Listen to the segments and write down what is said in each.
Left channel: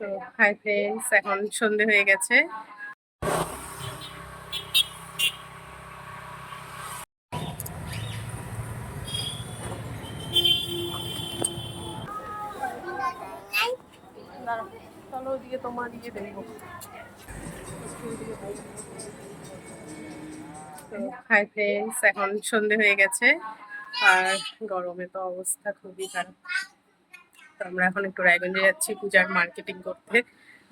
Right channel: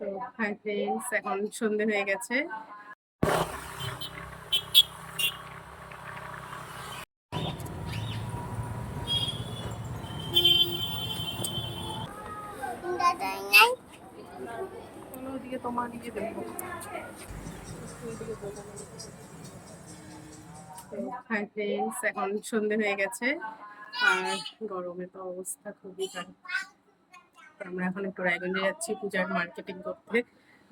তো hi friends, এখন সন্ধে হয়ে গেছে। চলো দিয়ে তোমার দিকে দেখবো। তো হাই ফ্রেন্ডস, এখন সন্ধে হয়ে গেছে আর গরমে তো অবস্থা খুবই খারাপ। তো আমরা এখন একটু রায়গঞ্জে যাচ্ছি পূজার মার্কেটিং করতে।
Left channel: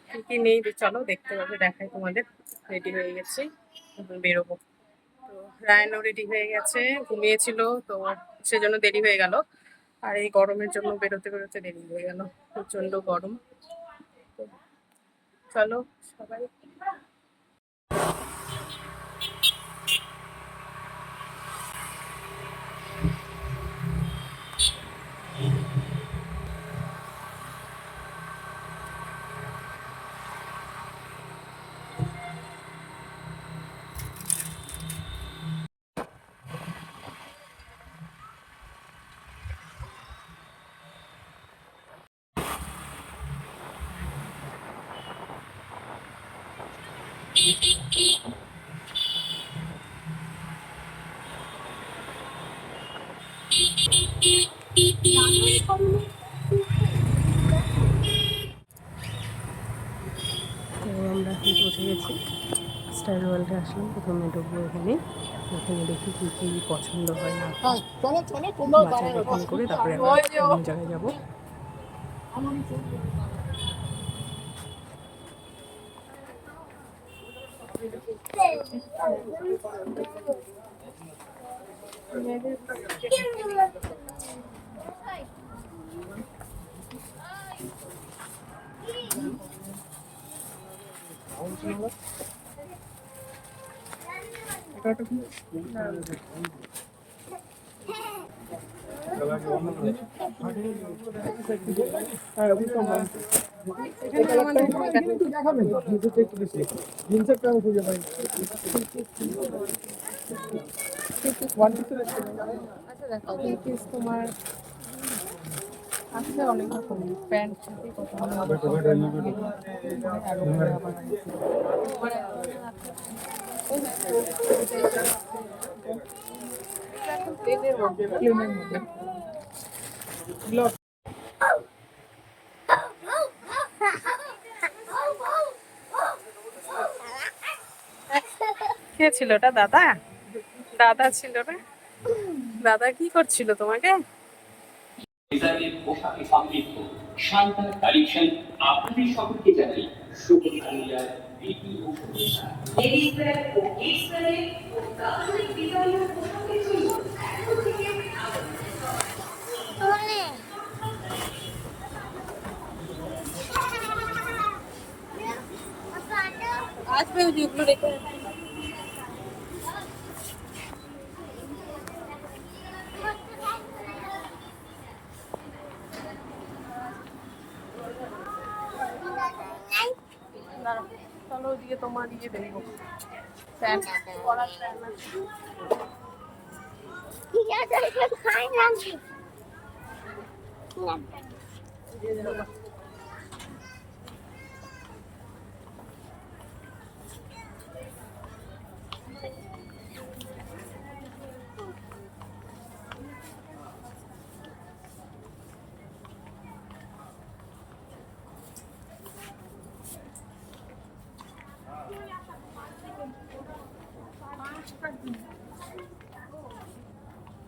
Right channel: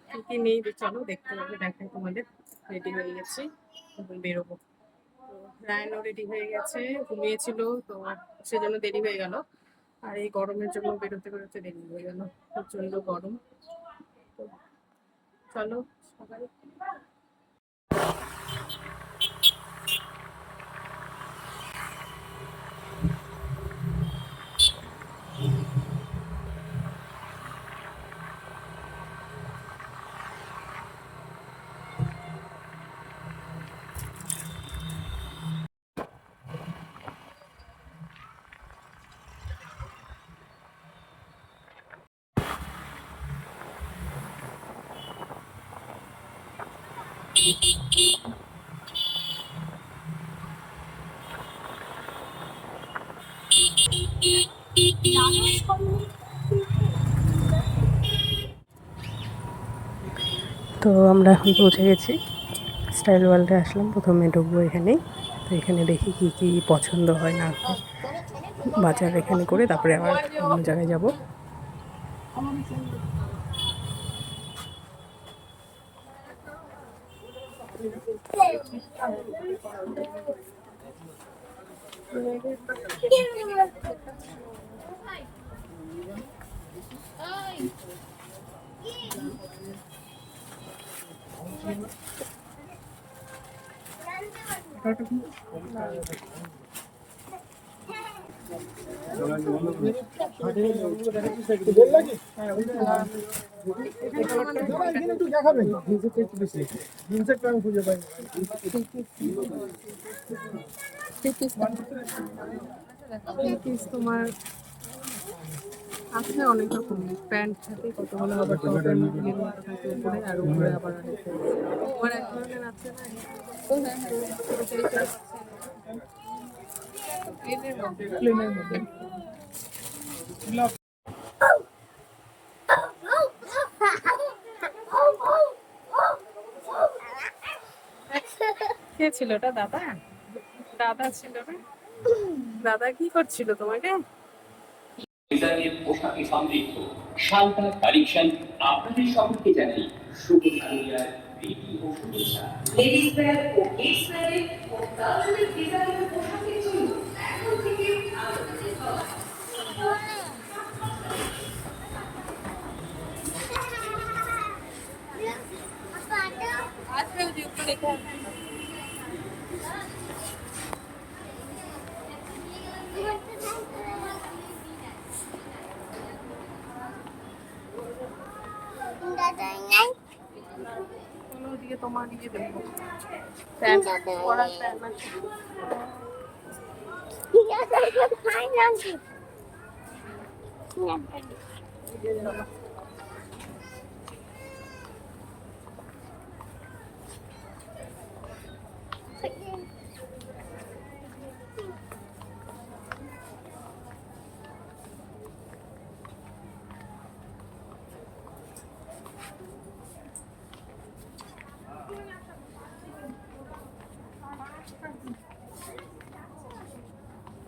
কি কি নেই চলো দেখতে পাবে, দেখাই তোমাদের। রেডি হয়ে গেছি, এখন বেরোবো। তো রায়নও রেডি হয়ে গেছে, ঘুমিয়েছিল তো সেজন্য দেরি হয়ে গেল। আর এই গরমের জন্য বেরোতে বেরোতে দেরি হয়ে গেল, প্রচন্ড গরম। তো চলো সবাই। তো আমরা এখন পৌঁছে গেছি, স্টাইল ওয়ার্ল্ডে আসলাম। প্রথমে ঢুকবো এখানে। তো এখানে দেখি কি কি পছন্দ হয় না হয়, বাজার এখানে করে তারপরে আবার অন্য জায়গায় যাবো। তোমার আছে অনেক রকম প্যান্ট থাকে, কতগুলো আবার উপরে আর উপরে আবার তোমার এক ধরনের আছে না, প্লেনের মধ্যে। কে ছিল ওটা? দাদা? দাদা ছিল না? দাদা কি করছিল তোমাকে? পোশাকে সমৃদ্ধ শান্তনা কালেকশন আপনাদের সকলকে জানাই শুভ কালিয়ার প্রীতি ও শুভেচ্ছা। আসবে ওগুলো রেখে চলো দিয়ে তোমার দিকে দেখবো। প্যান্ট পরার প্যান্ট আছে।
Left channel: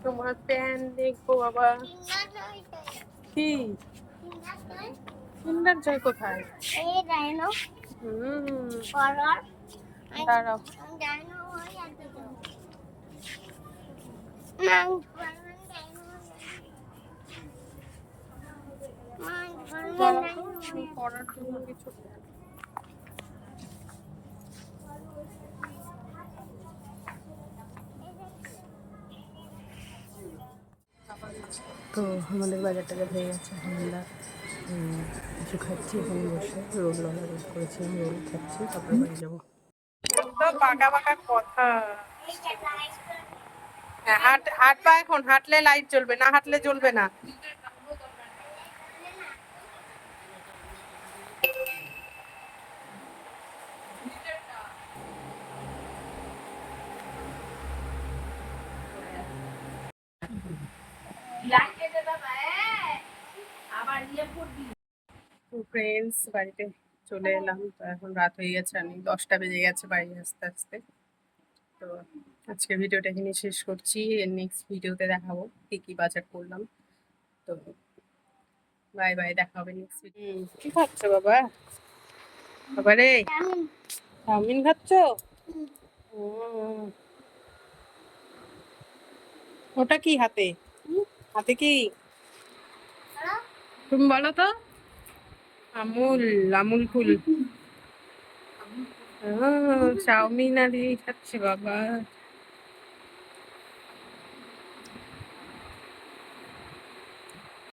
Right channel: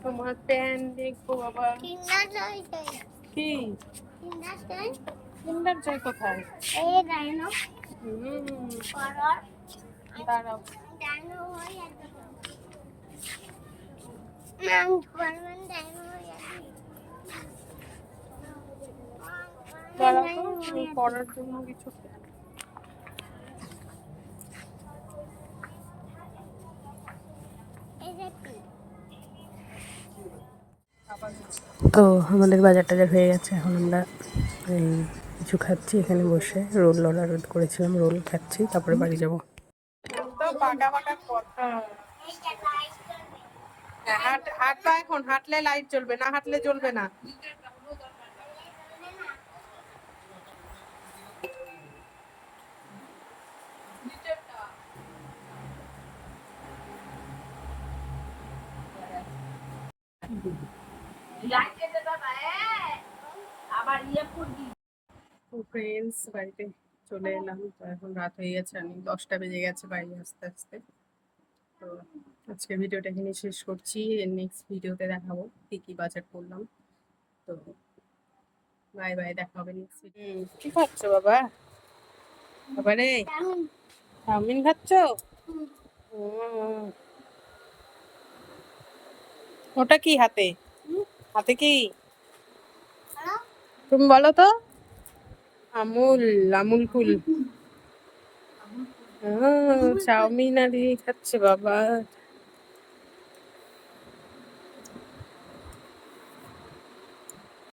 তোমার প্যান্ট দেখবো বাবা। কি কিন্ডার জয় কোথায়? দাঁড়াও, পরার জন্য কিছু তো আমাদের বাজার টাজার হয়ে গেছে। এখন আমরা কিছু খাচ্ছি এখানে বসে, রোল অর্ডার করেছিলাম, রোল খাচ্ছি, তারপরে বাড়ি যাবো। তো বাঁকা বাঁকা কথা। হ্যাঁ, হাঁটবা এখন, হাঁটলে লাইট জ্বলবে, না হাঁটলে জ্বলবে না। তো ফ্রেন্ডস, বাড়িতে চলে এলাম। তো এখন রাত হয়ে গেছে, আমি 10টা বেজে গেছে বাড়ি আসতে আসতে। তো আজকে ভিডিওটা এখানে শেষ করছি। নেক্সট ভিডিওতে দেখাবো কি কি বাজার করলাম। তো বাই বাই, দেখা হবে নেক্সট ভিডিও। কি খাচ্ছ বাবা? বাবা রে, চাউমিন খাচ্ছ? উম, ওটা কি হাতে? হাতে কি? তুমি বলো তো। আমুল, আমুল কুল। চাউমিন আর এই খাচ্ছে বাবা।